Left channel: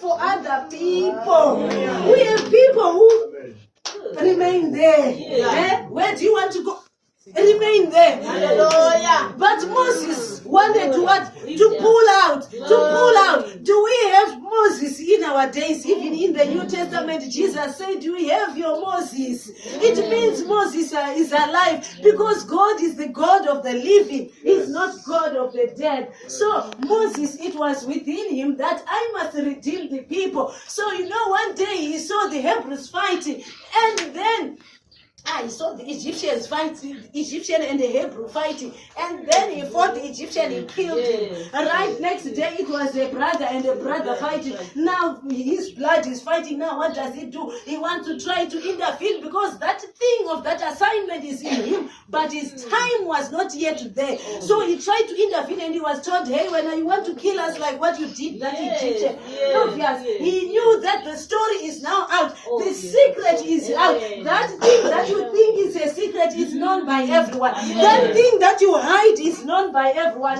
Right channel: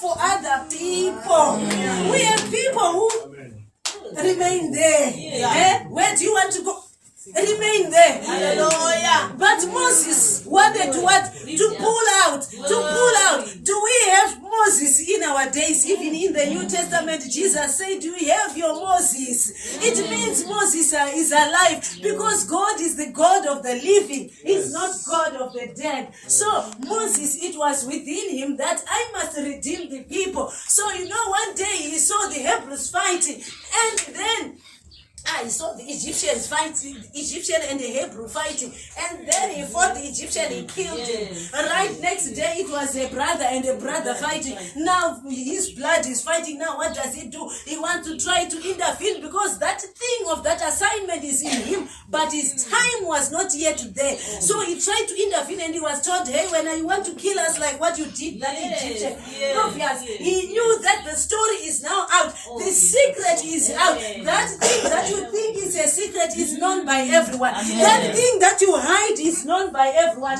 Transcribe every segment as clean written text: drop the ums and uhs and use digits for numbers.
for other people. We have people who remain there. Where do you want to go? Remain there. Hallelujah. But Moses wanted to what? To pull out. To pull out. Do we have Moses in our days? Even in the New Testament, Jesus said, do we have your Moses? It means Moses is alive because God is the God of the living. He's not God of the dead. So Moses, it was within him that I must redeem the people. So one day he saw the Hebrews fighting, and then I saw the Egyptians fighting, Egyptian and the Hebrew fighting, and then he fought the Egyptian, he killed him. Right next day, it was a brother and a brother fighting. Now his blood is fighting. Now what does he do? He wants to try to intervene because that thing of that assignment is in him, but his time was not yet there. So he tried to intervene, and he was told, hey, when you want to kill us like what you did that Egyptian. Obvious. He knew that the story is now out. The secret is out. That thing that you think is a secret is known by everyone. That thing that you hide is known by everyone.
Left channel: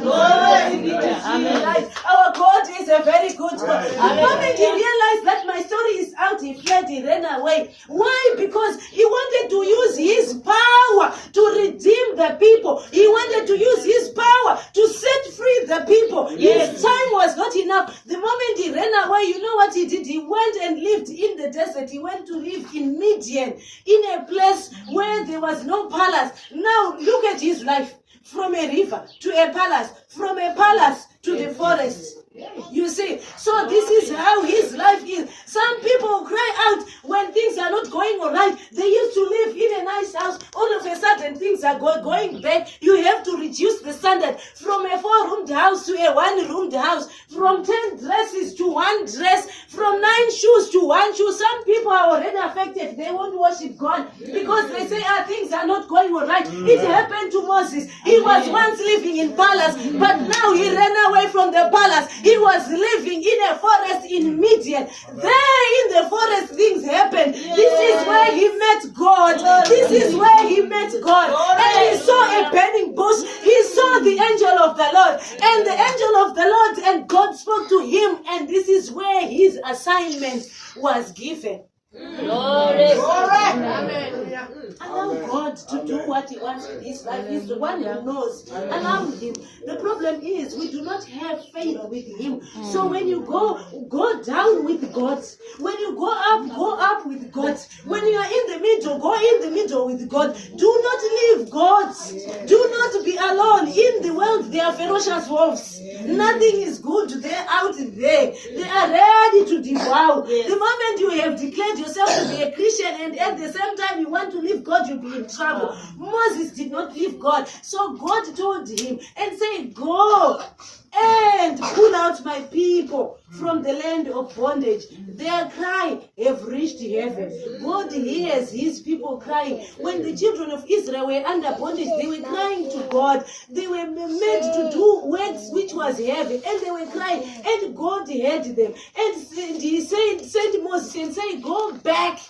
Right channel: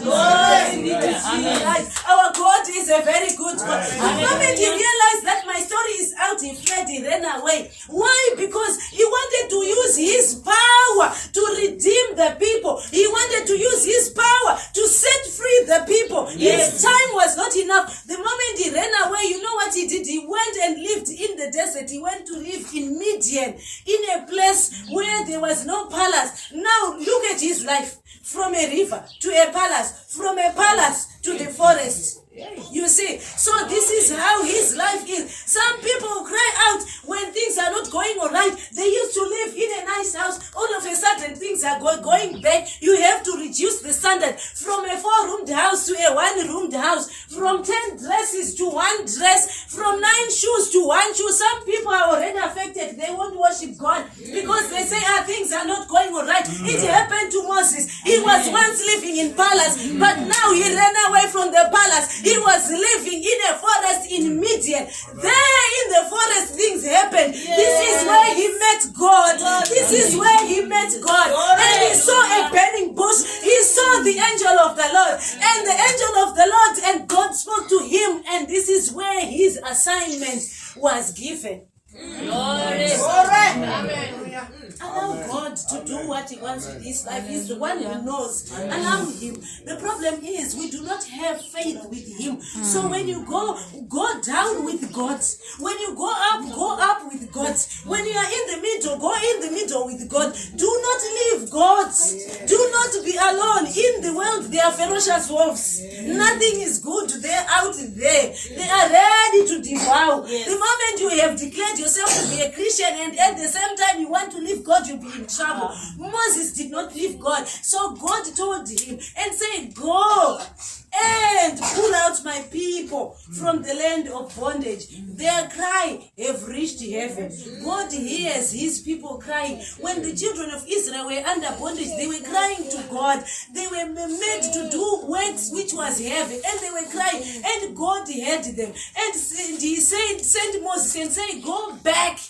Our God is a very good God. The moment he realized that my story is out, he fled, he ran away. Why? Because he wanted to use his power to redeem the people. He wanted to use his power to set free the people. His time was not enough. The moment he ran away, you know what he did? He went and lived in the desert. He went to live in Midian, in a place where there was no palace. Now look at his life. From a river to a palace, from a palace to the forest. You see, so this is how his life is. Some people cry out when things are not going all right. They used to live in a nice house. All of a sudden, things are going bad. You have to reduce the standard from a 4-roomed house to a 1-roomed house, from 10 dresses to 1 dress, from 9 shoes to 1 shoe. Some people are already affected. They won't worship God because they say, things are not going all right. It happened to Moses. He was once living in palace, but now he ran away from the palace. He was living in a forest in Midian. There in the forest, things happened. This is where he met God. This is where he met God. And he saw a burning bush. He saw the angel of the Lord. And the angel of the Lord and God spoke to him. And this is where his assignment was given. Glory. Amen. Allow God to do what he wants in his life. He's the one who knows. Allow him. The problem is we do not have faith with him. So when you go down with God. When you go up with God. When you are in the middle, go in the middle with God. Do not leave God. Do not be alone. In the world, there are ferocious wolves. Nothing is good. They're out there. They are ready to devour. The moment you have declared yourself to be a Christian and at the same time you want to leave God, you'll be in trouble. Moses did not leave God. So God told him and said, go and pull out my people from the land of bondage. Their cry have reached heaven. God hears his people crying. When the children of Israel were under bondage, they were crying to God. They were made to do works which was heavy, and they were crying, and God heard them. And he sent Moses and said, go back,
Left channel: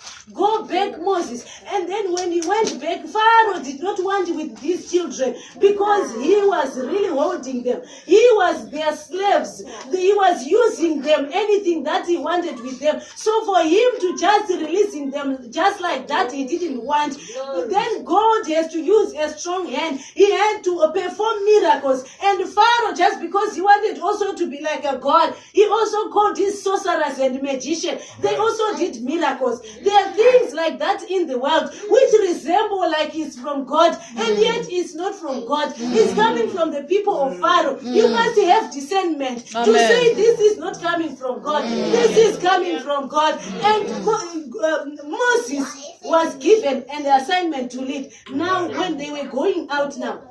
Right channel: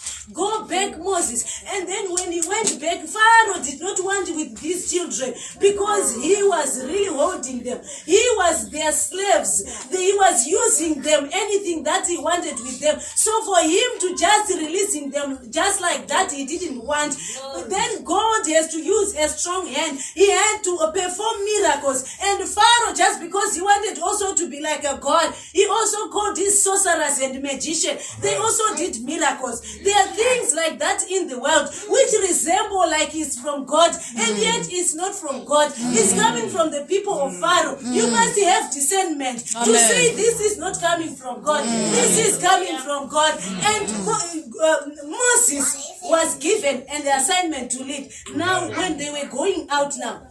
Moses. And then when he went back, Pharaoh did not want with his children because he was really holding them. He was their slaves. He was using them, anything that he wanted with them. So for him to just releasing them just like that, he didn't want. But then God has to use a strong hand. He had to perform miracles. And Pharaoh, just because he wanted also to be like a god, he also called his sorcerers and magicians. They also did miracles. There are things like that in the world which resemble like it's from God, and yet it's not from God. It's coming from the people of Pharaoh. You must have discernment to say this is not coming from God. This is coming from God. And Moses was given an assignment to lead. Now when they were going out now,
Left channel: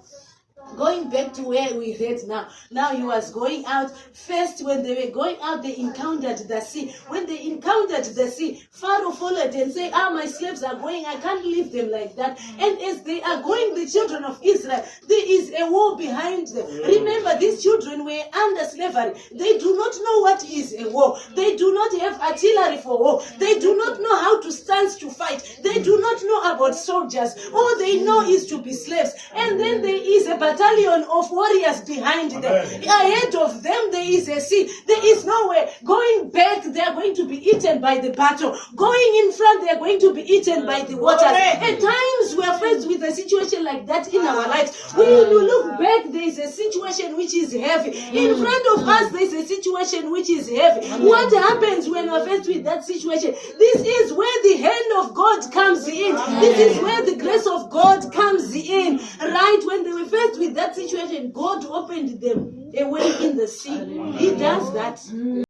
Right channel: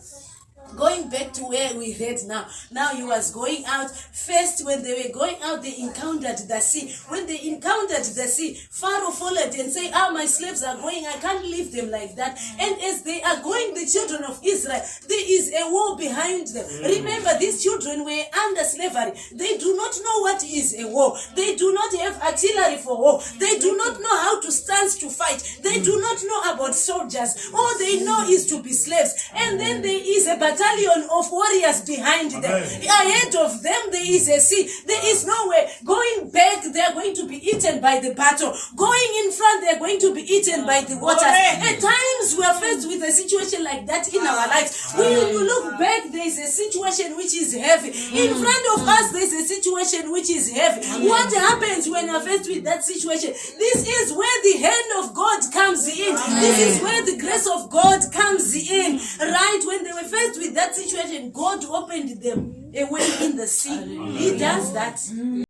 going back to where we read now. Now he was going out. First, when they were going out, they encountered the sea. When they encountered the sea, Pharaoh followed and said, my slaves are going. I can't leave them like that. And as they are going, the children of Israel, there is a war behind them. Remember, these children were under slavery. They do not know what is a war. They do not have artillery for war. They do not know how to stand to fight. They do not know about soldiers. All they know is to be slaves. And then there is a battle battalion of warriors behind them. Ahead of them, there is a sea. There is no way. Going back, they are going to be eaten by the battle. Going in front, they are going to be eaten by the waters. At times, we are faced with a situation like that in our lives. When you look back, there is a situation which is heavy. In front of us, there is a situation which is heavy. What happens when you are faced with that situation? This is where the hand of God comes in. This is where the grace of God comes in. Right when they were faced with that situation, God opened them a way in the sea. He does that.